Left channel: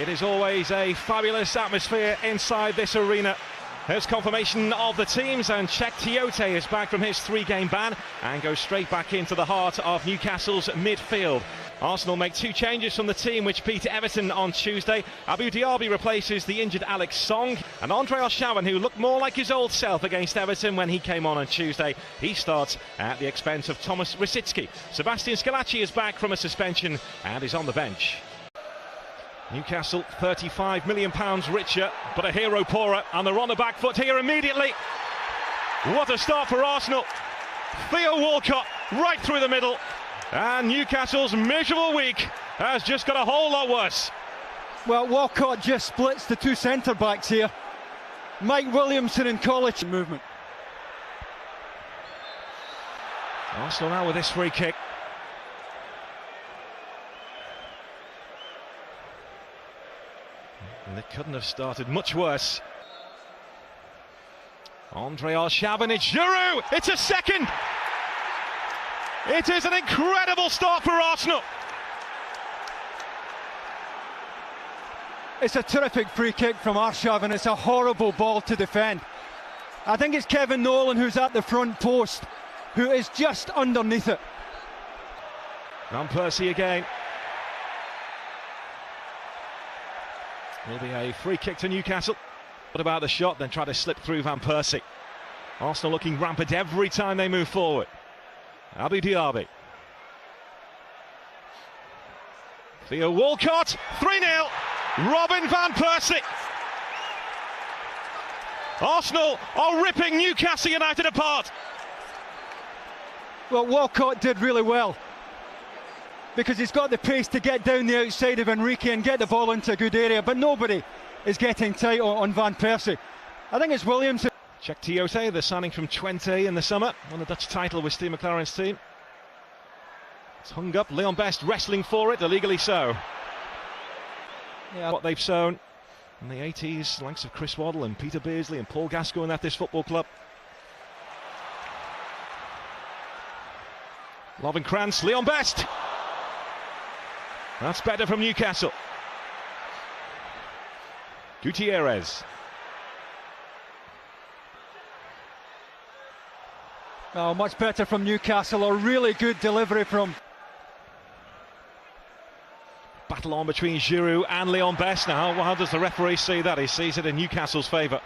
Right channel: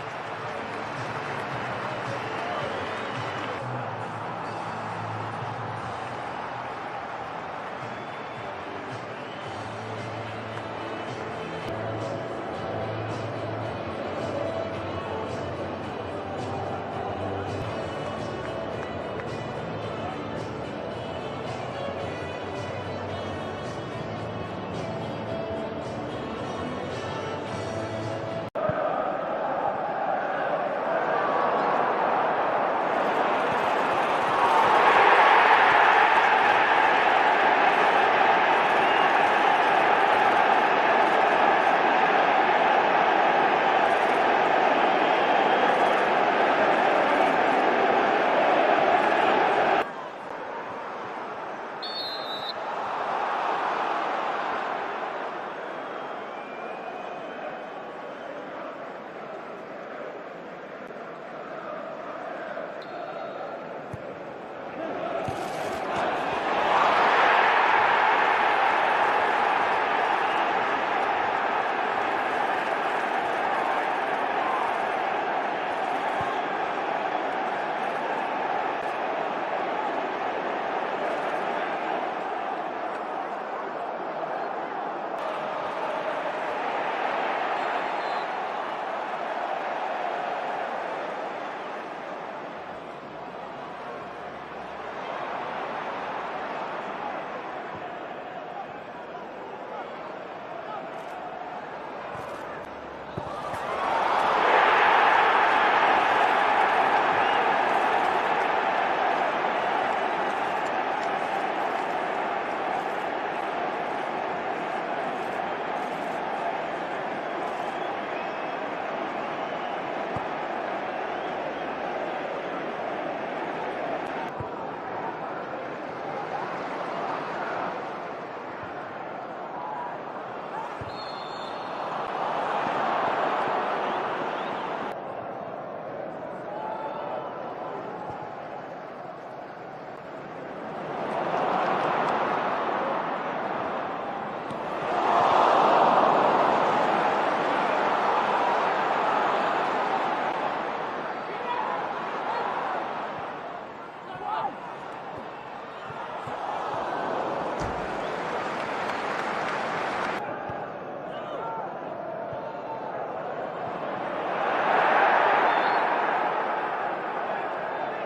It is always a fabulous atmosphere inside this arena. There's confirmation of the teams, and Cheick Tiote is back from his 3-game ban and goes straight back into the heart of Newcastle's midfield. Arsenal make 2 changes from the team which beat Everton on Tuesday. Abou Diaby replaces the injured Alex Song, and Andre Arshavin, who looked more like his old self against Everton when he came on Tuesday, he starts at the expense of Thomas Rosicky. Sebastian Scalacci is back from a suspension and is on the bench. Newcastle £35 million richer, but a hero poorer, and they're on the back foot here immediately. What a start for Arsenal. Theo Walcott right through the middle, and Newcastle's miserable week has just got a whole lot worse. Well, Walcott just splits the 2 centre-backs here. Mike Williamson in college movement. Arsenal now with this free kick. And it couldn't have started much worse. Andre Arshavin, it's Giroud! It's a second! It is an incredible start for Arsenal! It's a terrific free kick from Arshavin. It's a horrible ball to defend. I think it's Kevin Nolan who's at the front post, who is just underneath it. Van Persie again. Will be a free kick to Newcastle. What about the shot? Then try to slip through Van Persie. Arsenal looking rampant every time they move forward. Abou Diaby. Theo Walcott, 3-0. Robin Van Persie. Arsenal are ripping Newcastle United apart. Well, Walcott did really well, because he's got the pace to get down the outside of Enrique and get the ball into a good area, but nobody is getting tight on Van Persie. I think it's Williamson. Cheick Tiote, the signing from Twente in the summer, and the Dutch title with Steve McLaren's team. It's hung up, Leon Best wrestling for it, illegally so. What they've sown in the 80s, likes of Chris Waddle and Peter Beardsley and Paul Gascoigne at this football club. Robin Krantz, Leon Best. That's better from Newcastle. Gutierrez. Oh, much better from Newcastle. A really good delivery from... Battle on between Giroud and Leon Best now. Well, how does the referee see that? He sees it in Newcastle's favour.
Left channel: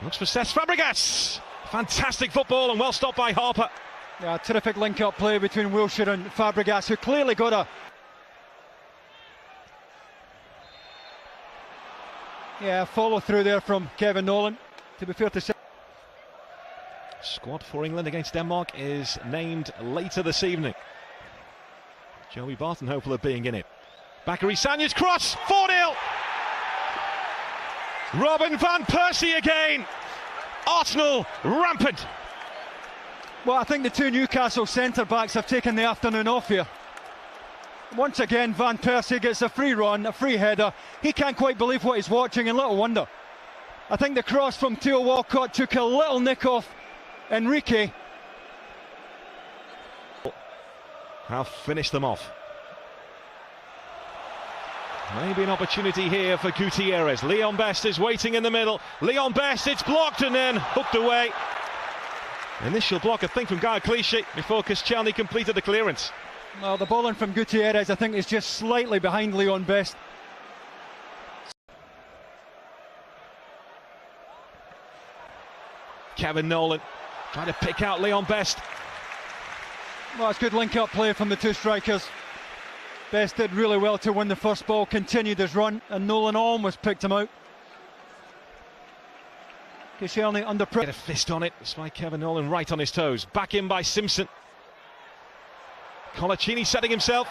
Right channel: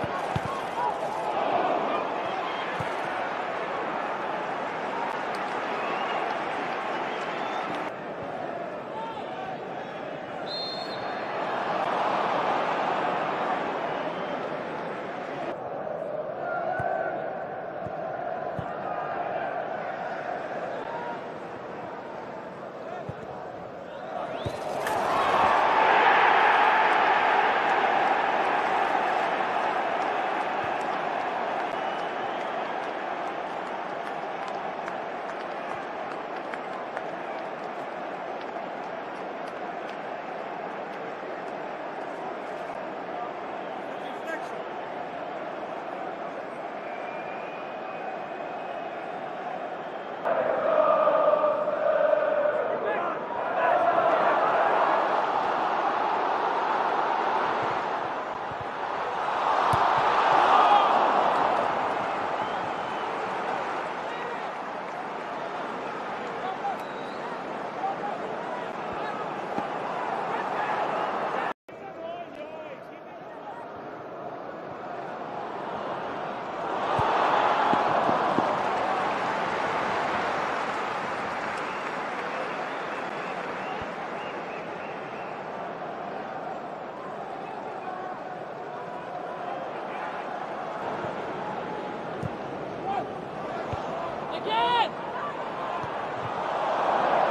Thanks for Cesc Fabregas. Fantastic football and well stopped by Harper. Terrific link-up play between Wilshere and Fabregas, who clearly got a... follow through there from Kevin Nolan, to be fair to say. Squad for England against Denmark is named later this evening. Joey Barton hopeful of being in it. Bakary Sagna's cross, 4-0! Robin Van Persie again! Arsenal rampant! Well, I think the 2 Newcastle centre-backs have taken the afternoon off here. Once again, Van Persie gets a free run, a free header. He can't quite believe what he's watching, and little wonder. I think the cross from Theo Walcott took a little nick off Enrique. Now finish them off. Maybe an opportunity here for Gutierrez. Leon Best is waiting in the middle. Leon Best, it's blocked and then hooked away. Initial block, I think, from Gael Clichy before Koscielny completed the clearance. No, the ball in from Gutierrez, I think, is just slightly behind Leon Best. Kevin Nolan trying to pick out Leon Best. Well, it's good link-up play from the 2 strikers. Best did really well to win the first ball, continued his run, and Nolan almost picked him out. Koscielny under pressure. Get a fist on it. It's by Kevin Nolan right on his toes. Back in by Simpson. Again! Colaccini setting himself.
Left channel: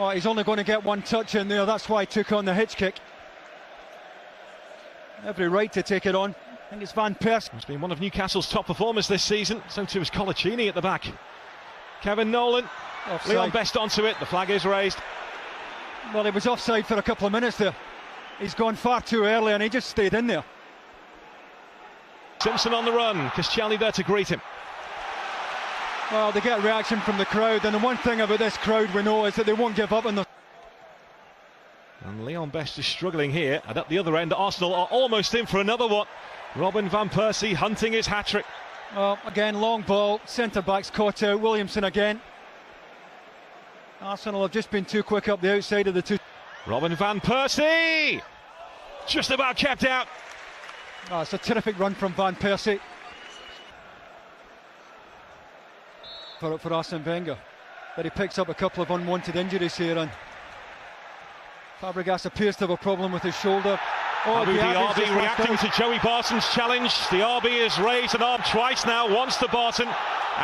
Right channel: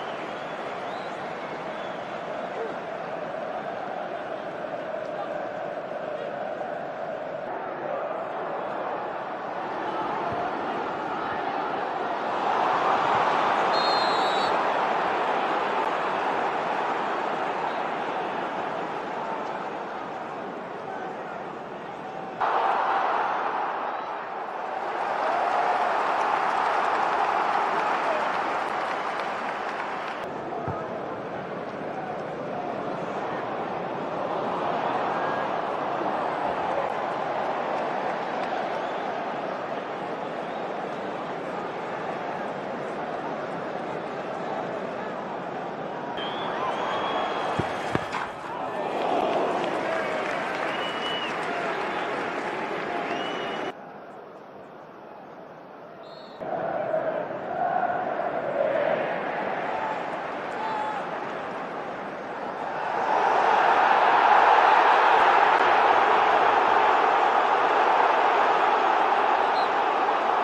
Oh, he's only going to get 1 touch in there. That's why he took on the hitch kick. Every right to take it on. And it's Van Persie. He's been one of Newcastle's top performers this season. So too is Colaccini at the back. Kevin Nolan. Leon Best onto it. The flag is raised. Well, he was offside for a couple of minutes there. He's gone far too early and he just stayed in there. Simpson on the run. Koscielny there to greet him. Well, they get reaction from the crowd, and the one thing about this crowd we know is that they won't give up on them. Leon Best is struggling here, and at the other end Arsenal are almost in for another one. Robin van Persie hunting his hat-trick. Well, again, long ball, centre-backs caught out, Williamson again. Arsenal have just been too quick up the outside of the two. Robin van Persie! Just about kept out. Oh, it's a terrific run from Van Persie. For Arsene Wenger. But he picks up a couple of unwanted injuries here, and Fabregas appears to have a problem with his shoulder. Abu Dhabi reacting to Joey Barton's challenge. The RB has raised an arm twice now, once to Barton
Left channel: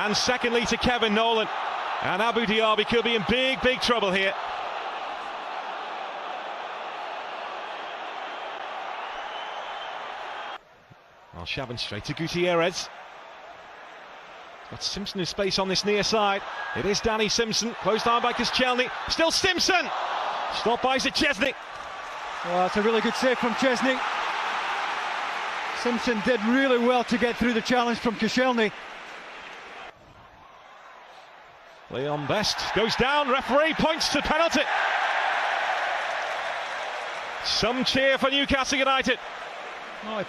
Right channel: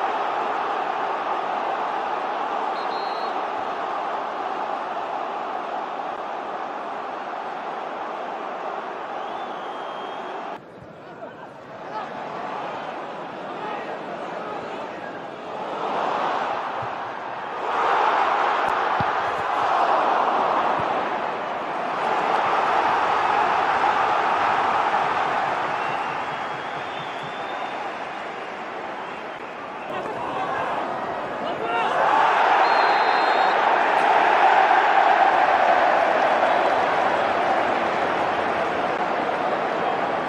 and secondly to Kevin Nolan. And Abu Dhabi could be in big trouble here. Well, Shaban straight to Gutierrez. It's Simpson in space on this near side. It is Danny Simpson, goes down by Koscielny, still Stimson! Struck by Szczesny. Well, it's a really good save from Szczesny. Simpson did really well to get through the challenge from Koscielny. Best goes down, referee points to penalty. Some cheer for Newcastle United.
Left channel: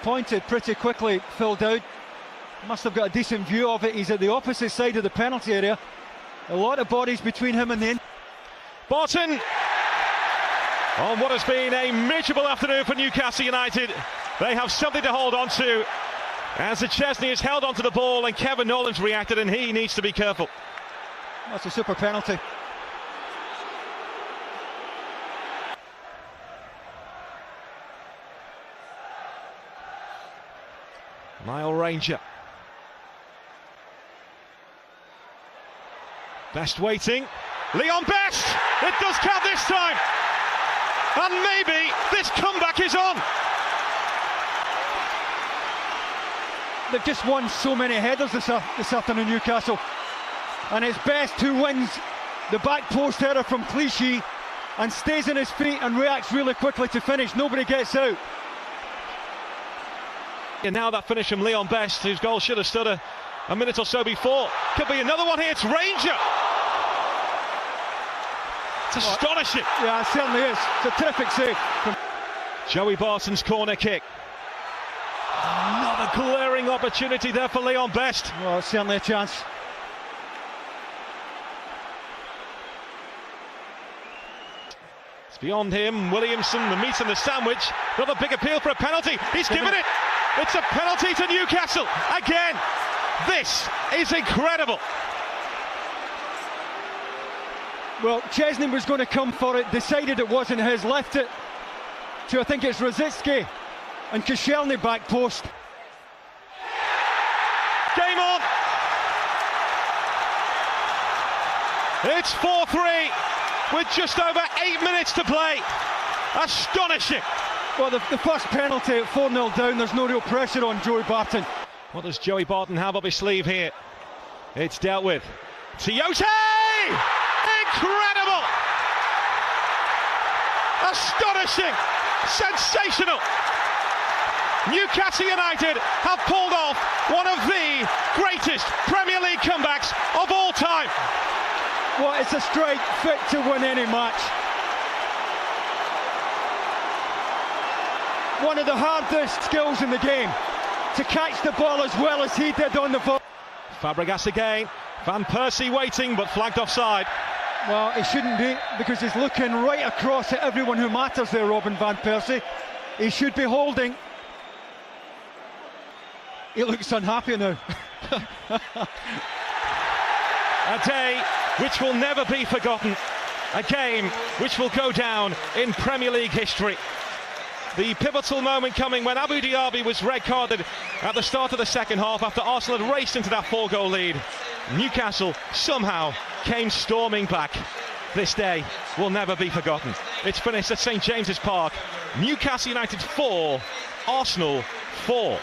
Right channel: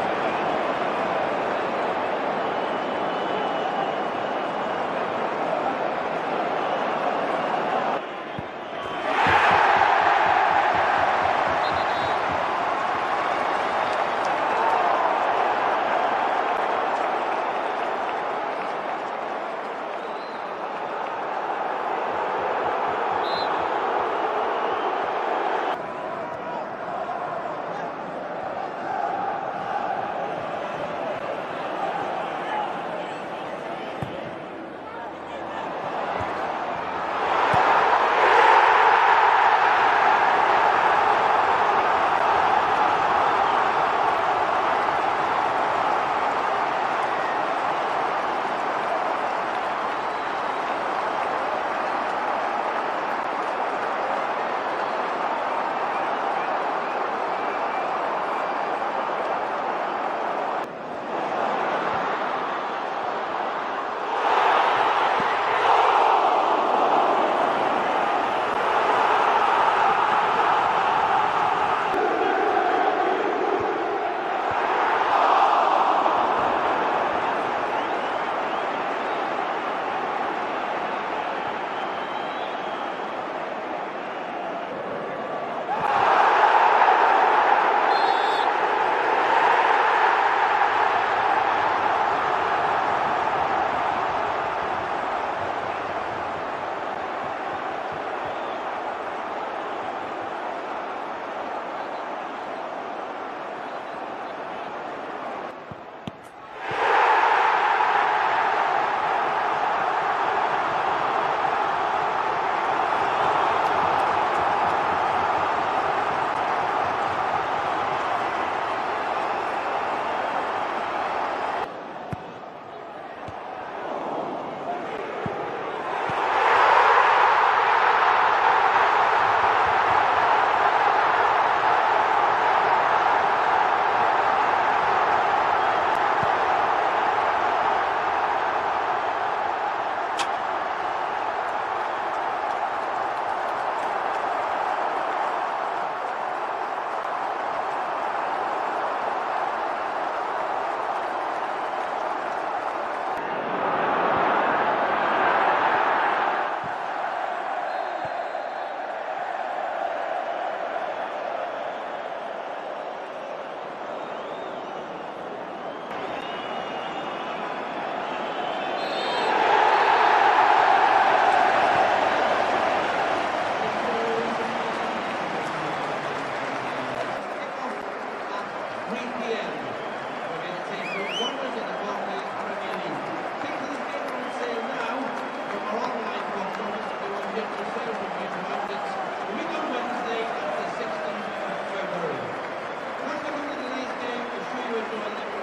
Pointed pretty quickly, filled out. Must have got a decent view of it. He's at the opposite side of the penalty area. A lot of bodies between him and the end. Barton! On what has been a miserable afternoon for Newcastle United. They have something to hold on to. As Szczesny has held onto the ball and Kevin Nolan's reacted, and he needs to be careful. That's a super penalty. Nile Ranger. Best waiting. Leon Best! It does count this time! And maybe this comeback is on! They've just won so many headers this afternoon, Newcastle. And it's Best who wins the back post header from Clichy and stays on his feet and reacts really quickly to finish. Nobody gets out. And now that finish from Leon Best, whose goal should have stood a minute or so before. Could be another one here, it's Ranger! It's astonishing! Yeah, it certainly is. It's a terrific save. Joey Barton's corner kick. Not a glaring opportunity there for Leon Best. Oh, certainly a chance. It's beyond him, Williamson, the meat and the sandwich. Got a big appeal for a penalty, he's given it! It's a penalty to Newcastle, again! This is incredible! Well, Szczesny was going to come for it, decided it wasn't his, left it to, I think it's Rosicki and Koscielny back post. Game on! It's 4-3 with just over 8 minutes to play. Astonishing! Well, the first penalty at 4-0 down, there's no real pressure on Joey Barton. What does Joey Barton have up his sleeve here? It's dealt with. Tiote! Incredible! Astonishing! Sensational! Newcastle United have pulled off one of the greatest Premier League comebacks of all time. Well, it's a strike fit to win any match. One of the hardest skills in the game, to catch the ball as well as he did on the ball. Fabregas again, Van Persie waiting but flagged offside. Well, he shouldn't be, because he's looking right across at everyone who matters there, Robin Van Persie. He should be holding. He looks unhappy now. A day which will never be forgotten. A game which will go down in Premier League history. The pivotal moment coming when Abu Dhabi was red-carded at the start of the second half after Arsenal had raced into that 4-goal lead. Newcastle somehow came storming back. This day will never be forgotten. It's finished at St James's Park. Newcastle United 4, Arsenal 4.